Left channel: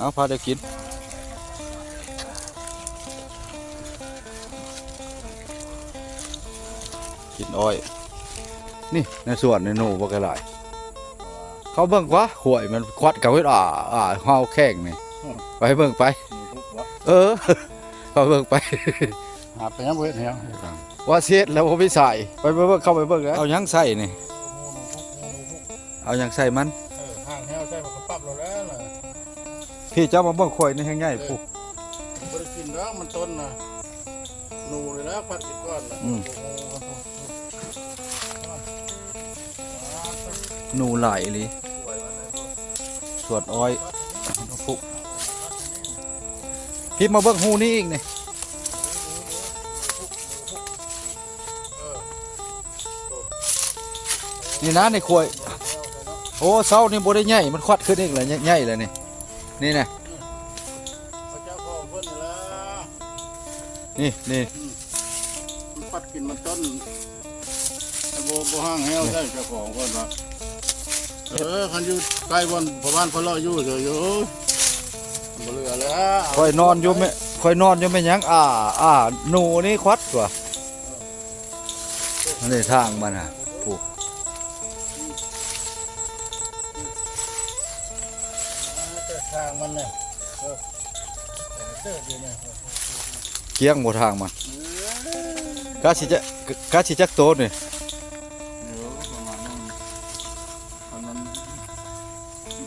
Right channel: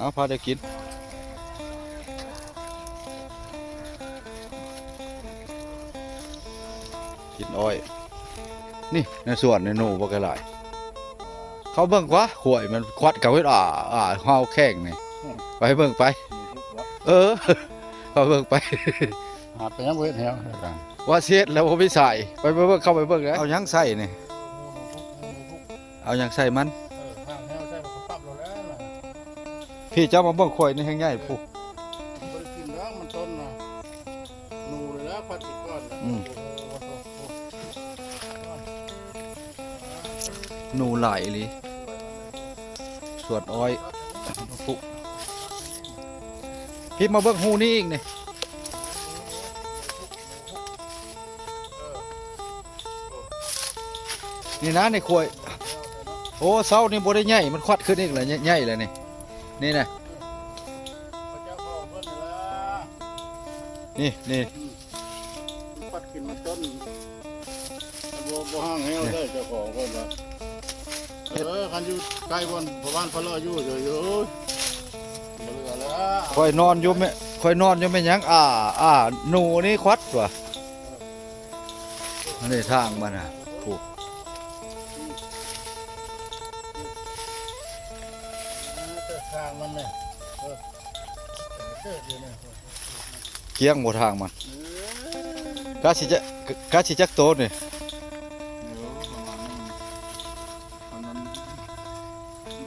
เอาพาได้กินอ้อยนี่ในสวนในหนูบ่กระไรเขาเบิ่งวะขวยมันควัดกับเฮ็ดเฮาแข้งนี่ไปเบิ่งไปเขาเบิ่งไปหาไปยังบ่เฮ็ดแถวว่าเฮ็ดแล้วบ่มีใส่ไปเบิ่งเข้าไปเบิ่งเอายังใส่นี่เอายังใส่มันห่างแถวใส่บ่ปรับแล้วพี่เจ้ามาเบิ่งขวยนี่แฮงใหญ่ปุ๊บ่ได้กินแล้วมันต้นน่ะหนูเลยแล้วพัดอีกก่อนหนูไหลเลยสวดอ้อยปุ๊พี่มาเบิ่งหูนี่อีกนี่นี่นะในขวยโอ้เสานี่บ่ได้ใหญ่มันควัดขึ้นอีกเลยใหญ่เลยนี่นะนี่ปัดกินมันต้นบ่ห่างแถวใส่เจ้าของก่อนว่าคันอยู่ใกล้บ่อนพ่อบ้านเขาเลาะอยู่เลยอยู่บ่เหลือแล้วคอยนอนอยู่ไม่ยังหนูนี่ควัดว่ะนี่ทางมันน่ะปุ๊ทางมันน่ะเคียงบ่ทางมันกาสิจักโตนี่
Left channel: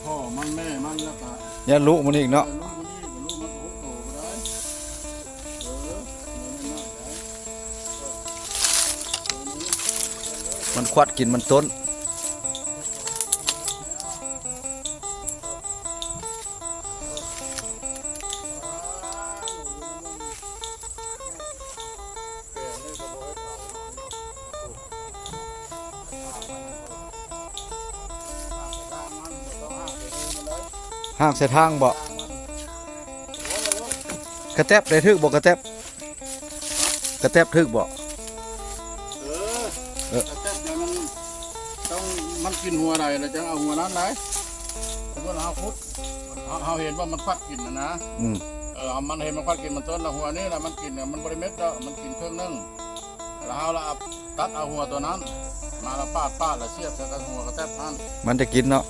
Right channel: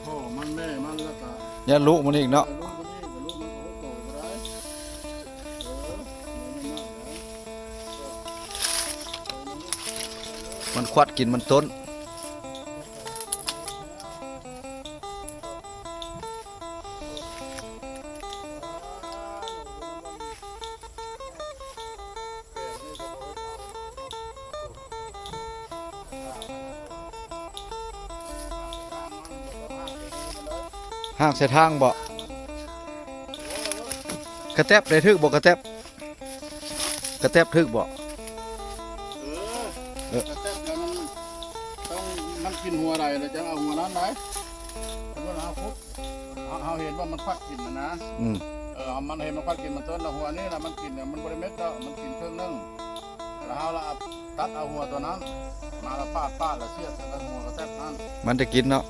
พ่อมันแม่มันแล้วก็ยันลูกมันอีกเนาะมันควัดกินมันต้นห้ามใส่ทางบ่กระแทบได้ทึกบ่กระแทบทึกบ่มันกินหัวใดนะจะเอาหัวนั้นได้มันเอาพุทธเอาเห็นว่ามันควักกินนะมันเห็นมันควักกินมันต้นหัวนี่แหละมันกินมันบริเม็ดแล้วมันกินเครื่องนึ่งแล้วเอาละตัดเอาหัวตัวนั้นมาละปาดแล้วเสียบใส่หัวกระแทกนั้นมันจะกินเนาะ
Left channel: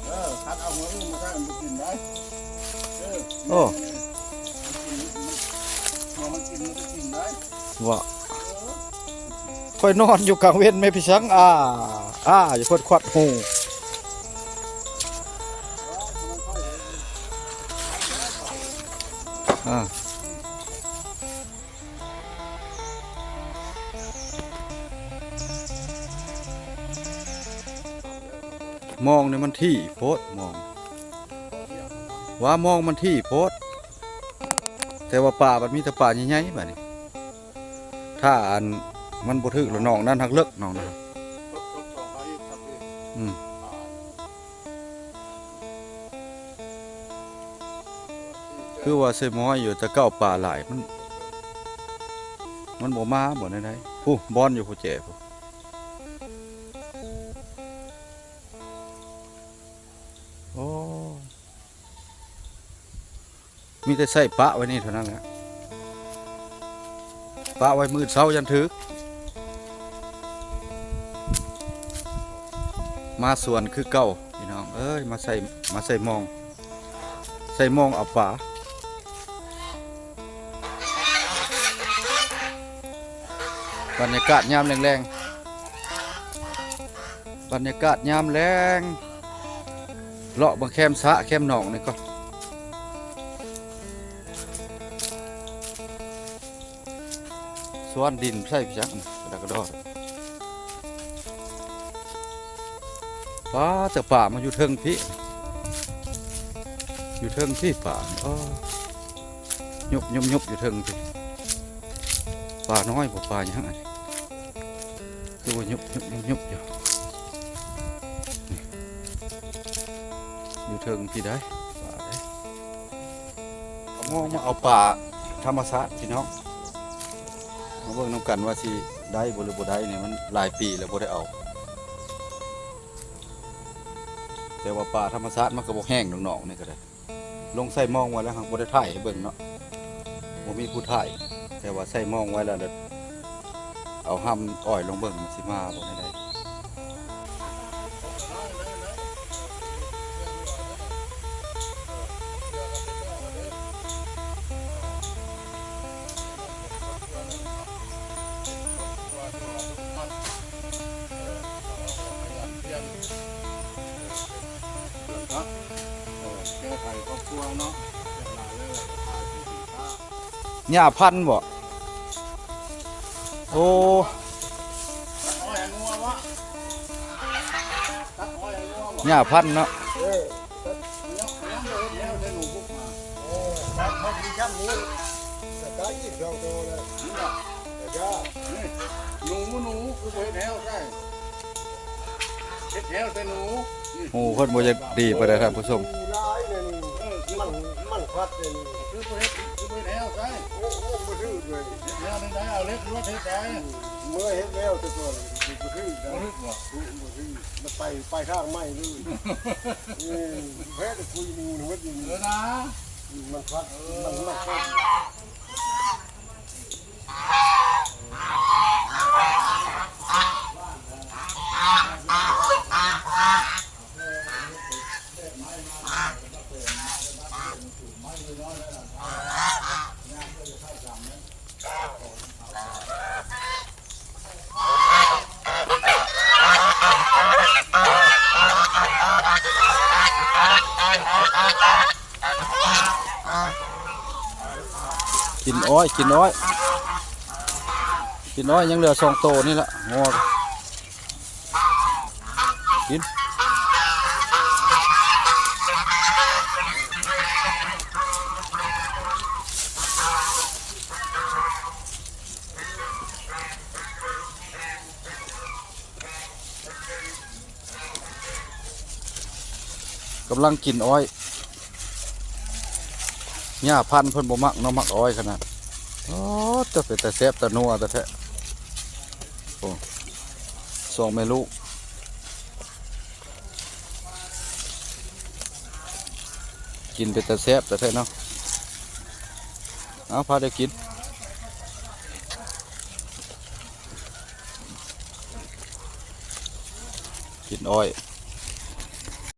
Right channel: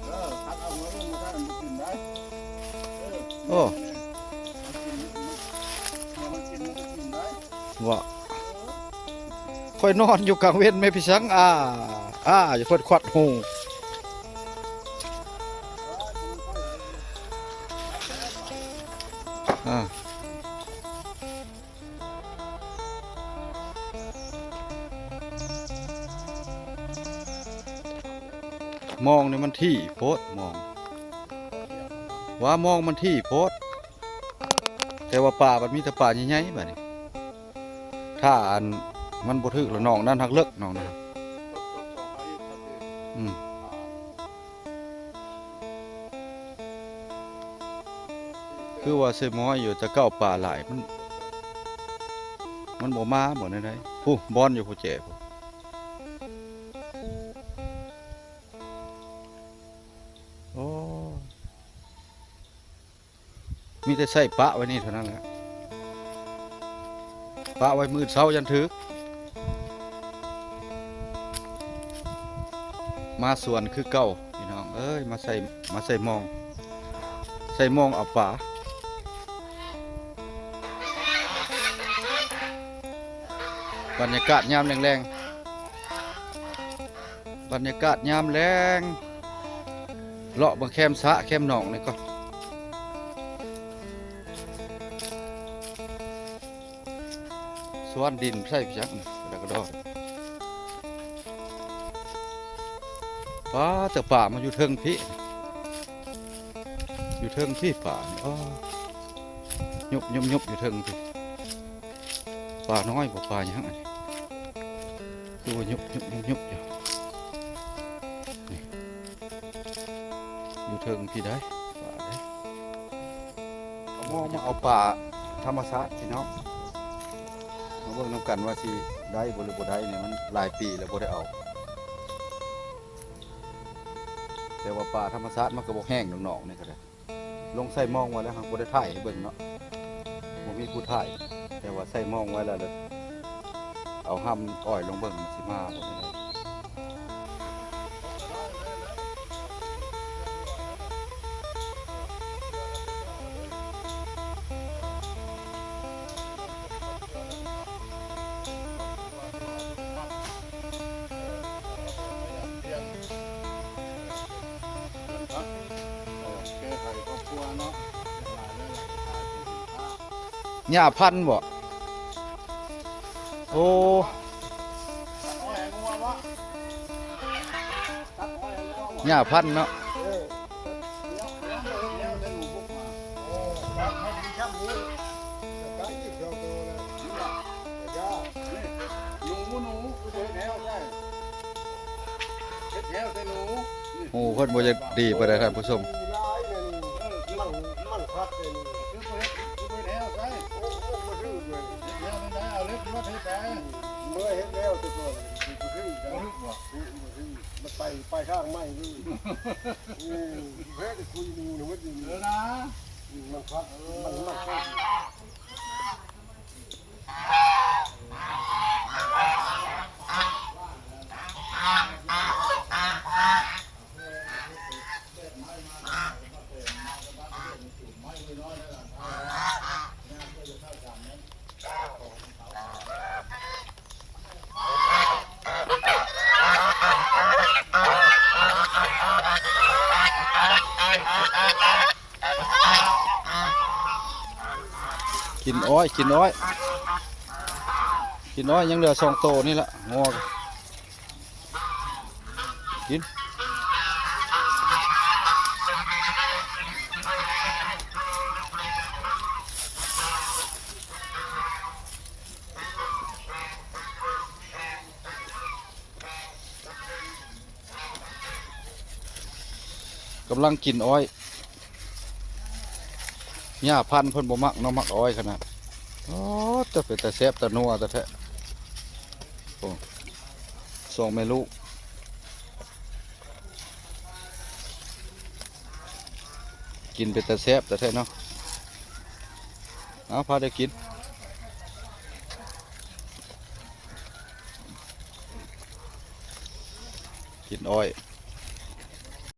ตัดเอาหัวนี่มันได้มันกินได้โอ้ว่าค่อยนอนอยู่กลางเว้นไม่พี่ชังอย่าเพิ่นควัดหูมองเนี่ยมันที่โพดมองมันที่โพดแต่ว่าป่ามันมีแต่ป่าใหญ่ๆแบบนี้ถ้าอันมันบ่ถึกแล้วน้องนั่นทักเลิกน้องนะคือว่าเซมอยอยู่จะเก้าป่าหลายมันบ่มาบ่ได้ผู้บอนอยู่ผู้แจมีแต่ใส่ปะไว้นี่เท่านั้นแหละปะไว้มือเช้ายันถึกมาสวนคือเก่าพี่น้องเอ้ยมาใส่มองเอาป่าบรรยากาศยามแรงเลาะบนแคมสะแคมหนองนี่ก็สวนดินใส่พี่จักแล้วก็ดอกแต่ป่ามันอยู่เทิงพี่ป่ายุบอยู่เทิงพี่ป่าน้อยกว่าป่าอย่างไรคือว่ายุบอยู่เทิงพี่ได้เอาป่าธรรมชาติพี่น้องเบิ่งนำกันว่าสิได้บ่หรือบ่ได้นี่มันหลายปีแล้วบ่ได้เอาแต่ว่าป่าธรรมชาติมันก็บ่แห้งน้องๆนี่ก็ได้ ลงใส่หมองไว้แล้วครับบ่ได้ถ่ายให้เบิ่งเนาะบ่มีผู้ถ่ายแต่ว่าใส่หมองไว้แล้วเด้อเอาห้ำอ้อยลงเบิ่งสิมาบ่ได้หญ้าพันธุ์บ่โอ้หญ้าพันธุ์เนาะโอ้เพิ่นบ่อยากดีปานใดครับผู้ชมไปทางไม่เลยเฮ้ยแต่คุยมีหนูว่าดีนะมันพัดมันหนักกินอ้อยยังเหลือ2โตนี่ละงอกินกำลังกินอ้อยหญ้าพันธุ์เพิ่นบ่มักเนาะมักอ้อยขนาดอ๋อจะเป็นแต่แซ่บแต่นัวแต่แท้โอ้สองแม่ลูกกินเป็นแต่แซ่บแต่แท้เนาะเอาพาได้กินอ้อย